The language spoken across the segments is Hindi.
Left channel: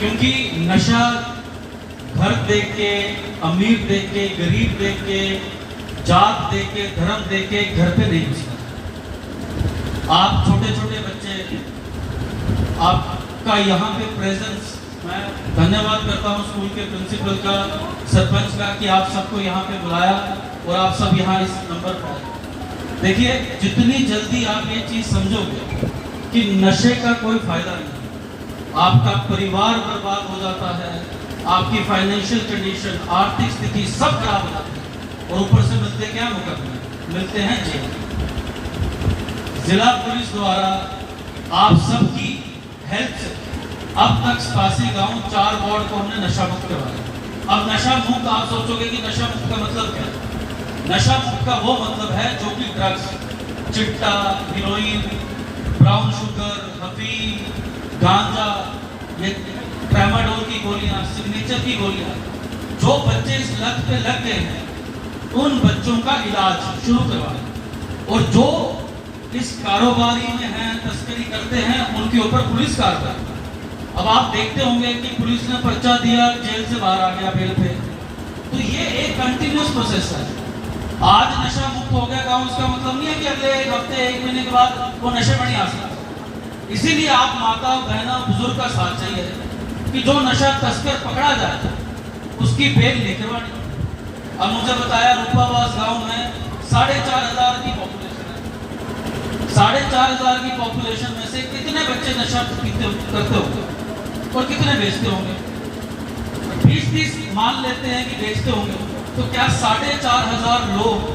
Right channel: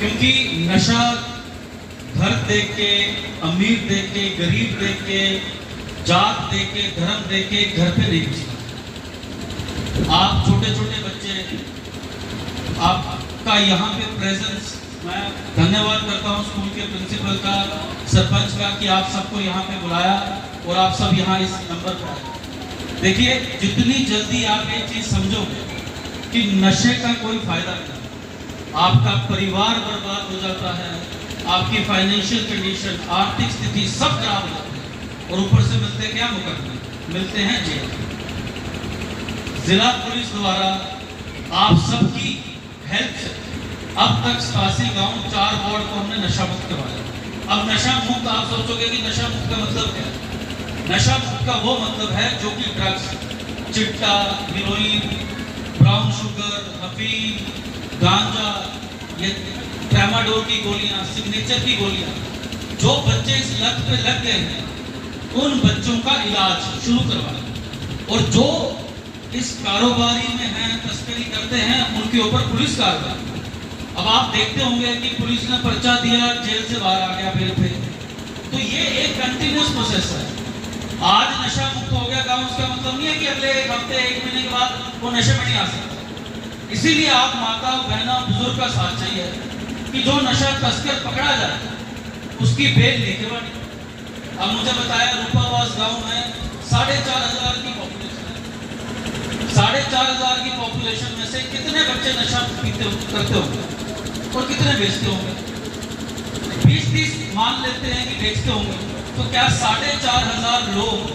क्योंकि नशा घर देख के, अमीर देख के, गरीब देख के, जात देख के, धर्म देख के घर पे नहीं घुसता। आप छोटे छोटे बच्चे, आपका यहाँ पे प्रेजेंस, मैं धन्यवाद करता हूँ स्कूल के प्रिंसिपल का, सरपंच का कि आप सबको यहाँ पे बुलाया और आप सब यहाँ इस नंबर पर आए। देखिए, जितनी जल्दी आप ये चीज समझोगे कि नशे का कोई फायदा नहीं, आपका परिवार बर्बाद हो जाता है, आपकी फाइनेंशियल कंडीशन, आर्थिक स्थिति सब खराब हो जाती है, और ऊपर से मिलते क्या मुकदमे मिलते हैं जेल। जिला पुलिस द्वारा आप सबकी हेल्प से अब तक 87 गांव, 4 वार्ड को हमने नशा मुक्त करवाया। अब नशा मुक्त, आप सोचोगे कि नशा मुक्त का मतलब क्या है? नशा मुक्त का वो मतलब है जो कि ड्रग्स, चिट्टा, हीरोइन, ब्राउन शुगर, अफीम, गांजा, ये ट्रामाडोल की गोलियां, सिग्नेचर की गोलियां, जो बच्चे इस लत पे लग गए हैं उन बच्चों का इलाज शुरू करवाएं, और जो इस कारोबारी में हैं, तस्करी करते हैं, उनके ऊपर पुलिस कार्रवाई। अब आप देखते होंगे कि पुलिस ने पर्चा दिया, जेल से बाहर आ गया बेल पे, तो ये एक कंटिन्यूअस प्रोसेस है। आज नशा मुक्त हो गया गांव, उसका मतलब नहीं है कि अगले एक हफ्ते, 1 महीने के बाद वो नशे में नहीं आ सकता। इसीलिए आप माता, बहना, बुजुर्ग का साथ चाहिए कि जो नशा तस्कर पकड़ा जाए उसकी बेल लेके बनी। अब मुझे बताया रूपावास गांव में 4,500 की पॉपुलेशन है। 4,500 की पॉपुलेशन में से कितने बच्चे नशा करते होंगे और कितने बेचते होंगे? 20-30 मान लेते हैं कि बेचते होंगे, तो क्या 4,500 लोग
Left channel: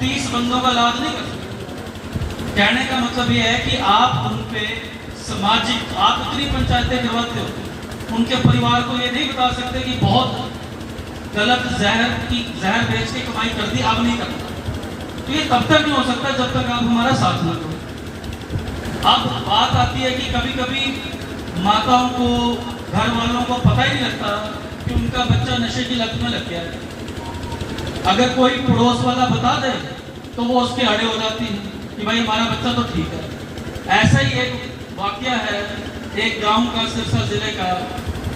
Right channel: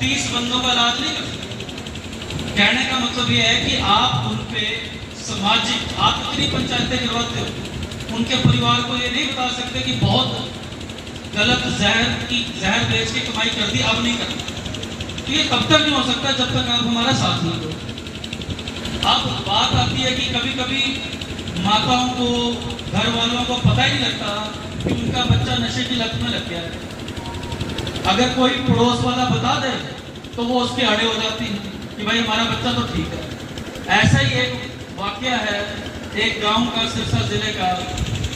30 बंदों का इलाज नहीं कर सकते? कहने का मतलब यह है कि आप उन पे सामाजिक, आप कितनी पंचायतें करवाते हो, उनके परिवार को ये नहीं बता सकते कि बहुत गलत जहर बेच के कमाई कर दी, अब नहीं करता। तो ये तब तक नहीं हो सकता जब तक आप हमारा साथ न दो। अब बात आती है कि कभी कभी माताओं को, घर वालों को पता ही नहीं लगता कि उनका बच्चा नशे की लत में लग गया है। अगर कोई पड़ोस वाला बता दे तो वो उसके आड़े हो जाती है कि भाई हमारा बच्चा तो ठीक है। ऐसा ही एक वाकया है एक गांव का, सिरसा जिले का,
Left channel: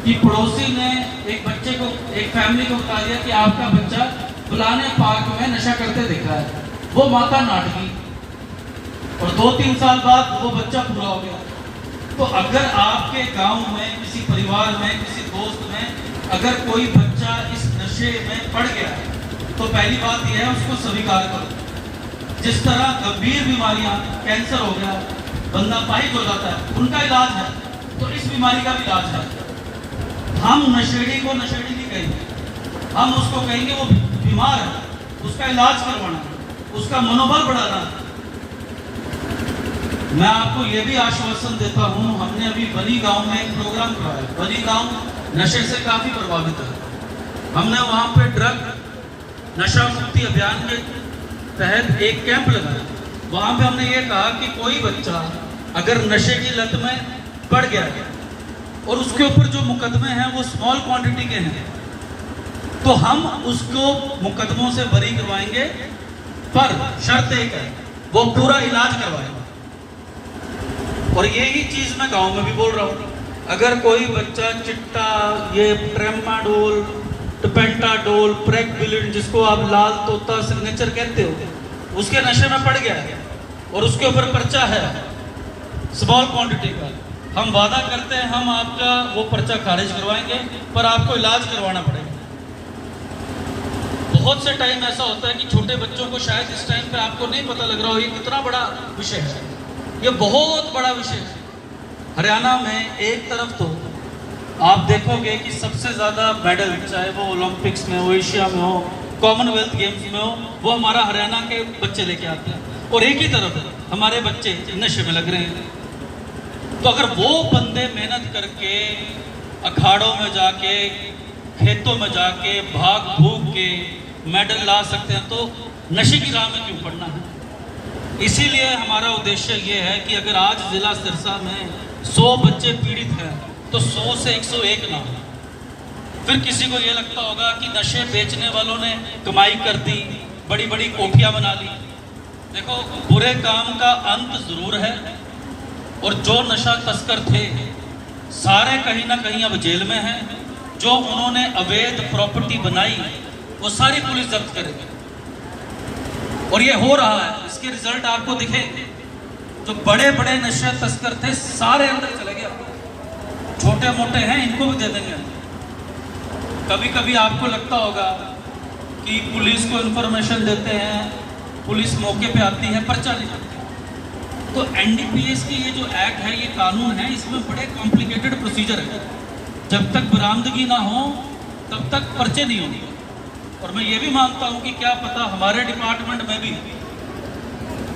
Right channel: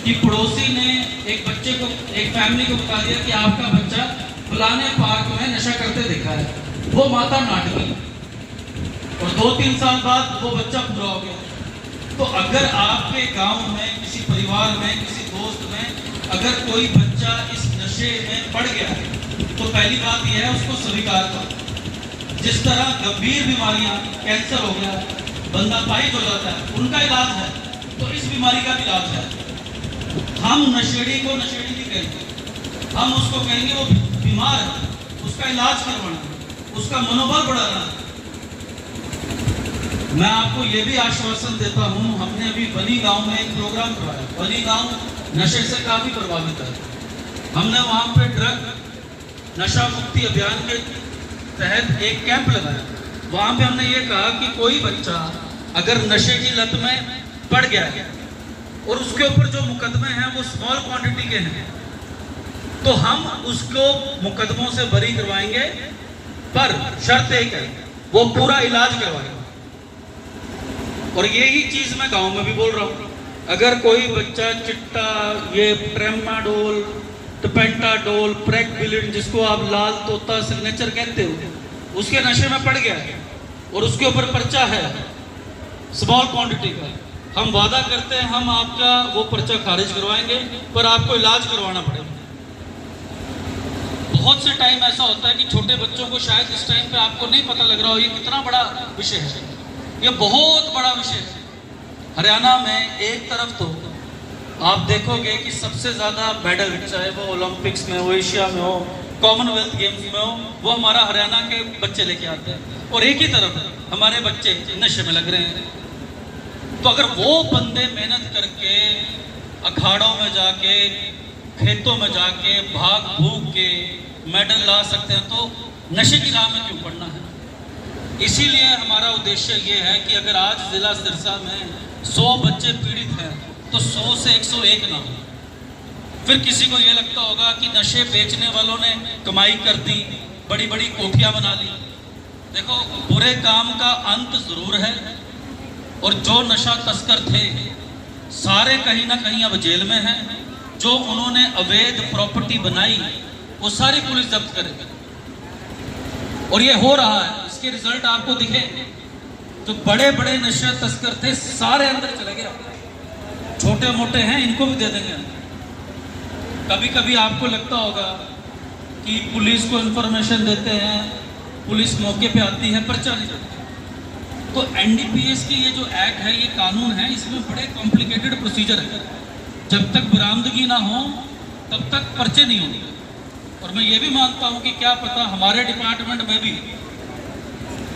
कि पड़ोसी ने एक बच्चे को, एक फैमिली को बता दिया कि आपका बच्चा फलाने पार्क में नशा करते देखा है। वो माता नाट गई और 2-3 साल बाद वो बच्चा पूरा हो गया। तो अगर आपके गांव में, किसी परिवार में, किसी दोस्त में अगर कोई बच्चा इस नशे में पड़ गया है, तो पहली बात यह है उसको स्वीकार करो। जिस तरह गंभीर बीमारियां, कैंसर हो गया, बंदा पाहिज हो जाता है, उनका इलाज है, तो इस बीमारी का भी इलाज है। हम नशेड़ी को नशेड़ी नहीं कहेंगे, हम उसको कहेंगे वो बीमार है, उसका इलाज करवाना, उसका मनोबल बढ़ाना। मैं आपको ये भी आश्वासन देता हूँ, हमने अभी बनी गांव में एक प्रोग्राम कराया। बनी गांव नशे से काफी प्रभावित है। हमने वहां पे ड्रग नशा मुक्ति अभियान के तहत एक कैंप लगाया। वहां पे हमने ये कहा कि कोई बच्चा अगर नशे की लत में पड़ गया और उसके ऊपर जो मुकदमे हैं वो स्मॉल क्वांटिटी के हैं, तो हम उसको मुकदमों से बरी करवाएंगे, पर शर्त एक है, वो पूरा इलाज करवाएंगे। और यही चीज मैं गांव में भी बोल रहा हूँ। अगर कोई बच्चा चिट्टा, ये ट्रामाडोल, पेंटाडोल, प्रेगविलिन, जिसको आप लाल तोता सिग्नेचर कहते हो, उसके नशे में पड़ गया और उसके ऊपर पर्चा है स्मॉल क्वांटिटी का, हम वादा करते हैं हम आपका वो पर्चा खारिज करवाएंगे, पर आपको इलाज करवाना पड़ेगा। बहुत से टाइम ऐसा होता है कि छोटे बच्चों को शायद इस टाइम पे आपको नहीं पता लग रहा हो ये कितना बड़ा विषय है, ये बहुत बड़ा विषय है। हरियाणा में एक तरफ तो आप देखोगे कि सबसे ज्यादा मेडल, चाहे वो ओलंपिक्स में हो, एशिया में हो, कॉमनवेल्थ गेम्स में हो, वो हमारा हरियाणा के बच्चे लेके आते हैं, और एक ही तरफ हमारे बच्चे नशे में लग रहे हैं। तो अगर वो बंदे मेहनत करके अखाड़ों में जाके, खेतों में जाके, भाग भूग के मेडल ला सकते हैं, तो नशे की राह में क्यों पड़ना है? इसीलिए हमारा उद्देश्य ये है कि अगर आज जिला सिरसा में 100 बच्चे पीड़ित हैं, तो 100 से 101 ना हो। फिर किसी को ये लगता होगा कि नशे बेचने वालों ने कमाई कर दी, बड़ी बड़ी कोठियां बना ली। देखो, बुरे काम का अंत जरूर है, और जो नशा तस्कर थे सारे कहीं ना कहीं अब जेल में हैं। जो उन्होंने अवैध प्रॉपर्टी बनाई वो सारी पुलिस जब्त करेगी और ये हो रहा है। इसके रिजल्ट आपको दिखेंगे। जो बड़े बड़े नशा तस्कर थे सारे अंदर चले गए, छोटे मोटे हैं इनको भी दे देंगे अंदर। कभी कभी आपको लगता होगा कि पुलिस को इंफॉर्मेशन देते हैं, पुलिस मौके पे आती है, पर्चा नहीं करती। तो एनडीपीएस के ये जो एक्ट है, ये कानून है, इसमें बड़े कॉम्प्लिकेटेड प्रोसीजर है। जब तक बरामदगी ना हो तब तक पर्चे नहीं होंगे। और मैं ये भी मानता हूँ कि क्या पता हमारे डिपार्टमेंट में भी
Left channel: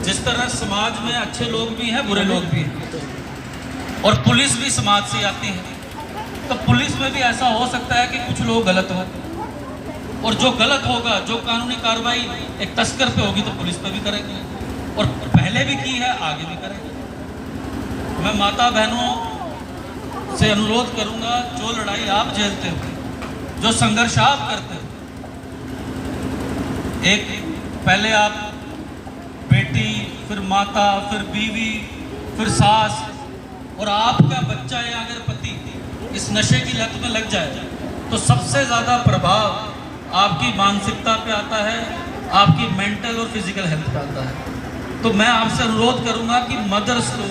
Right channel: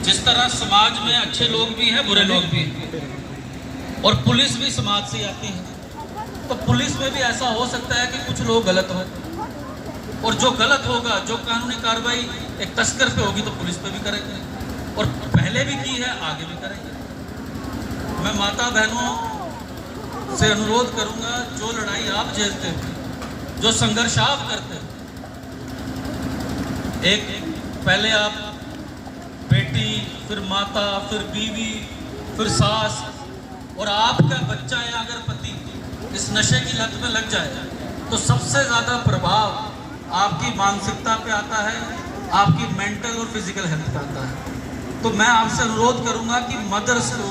जिस तरह समाज में अच्छे लोग भी हैं, बुरे लोग भी हैं, और पुलिस भी समाज से आती है, तो पुलिस में भी ऐसा हो सकता है कि कुछ लोग गलत हो, और जो गलत होगा, जो कानूनी कार्रवाई एक तस्कर पे होगी तो पुलिस पे भी करेंगे, और पहले भी की है आगे भी करेंगे। मैं माता बहनों से अनुरोध करूंगा, जो लड़ाई आप झेलते हो, जो संघर्ष आप करते हो, एक पहले आप बेटी, फिर माता, फिर बीवी, फिर सास, और आपका बच्चा या अगर पति इस नशे की लत में लग जाए तो सबसे ज़्यादा प्रभाव आपकी मानसिकता पे आता है, आपकी मेंटल और फिजिकल हेल्थ पे आता है। तो मैं आपसे अनुरोध करूंगा कि मदर्स को,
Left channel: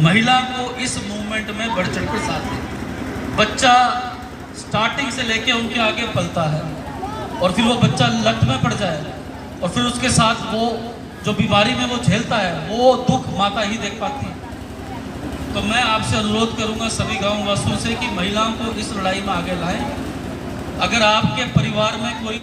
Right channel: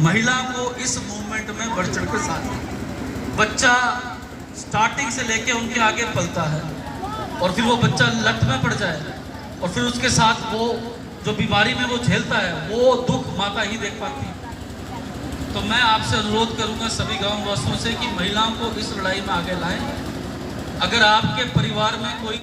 महिला को इस मूवमेंट में बढ़ चढ़ कर साथ दें। बच्चा स्टार्टिंग से लेके उनके आगे पलता है और फिर वो बच्चा लत में पड़ जाए और फिर उसके साथ वो जो बीमारी में वो झेलता है, वो दुख माता ही देख पाती है। तो मैं आपसे अनुरोध करूंगा सभी गांव वासियों से कि महिलाओं को इस लड़ाई में आगे लाएं। अगर आपके परिवार में कोई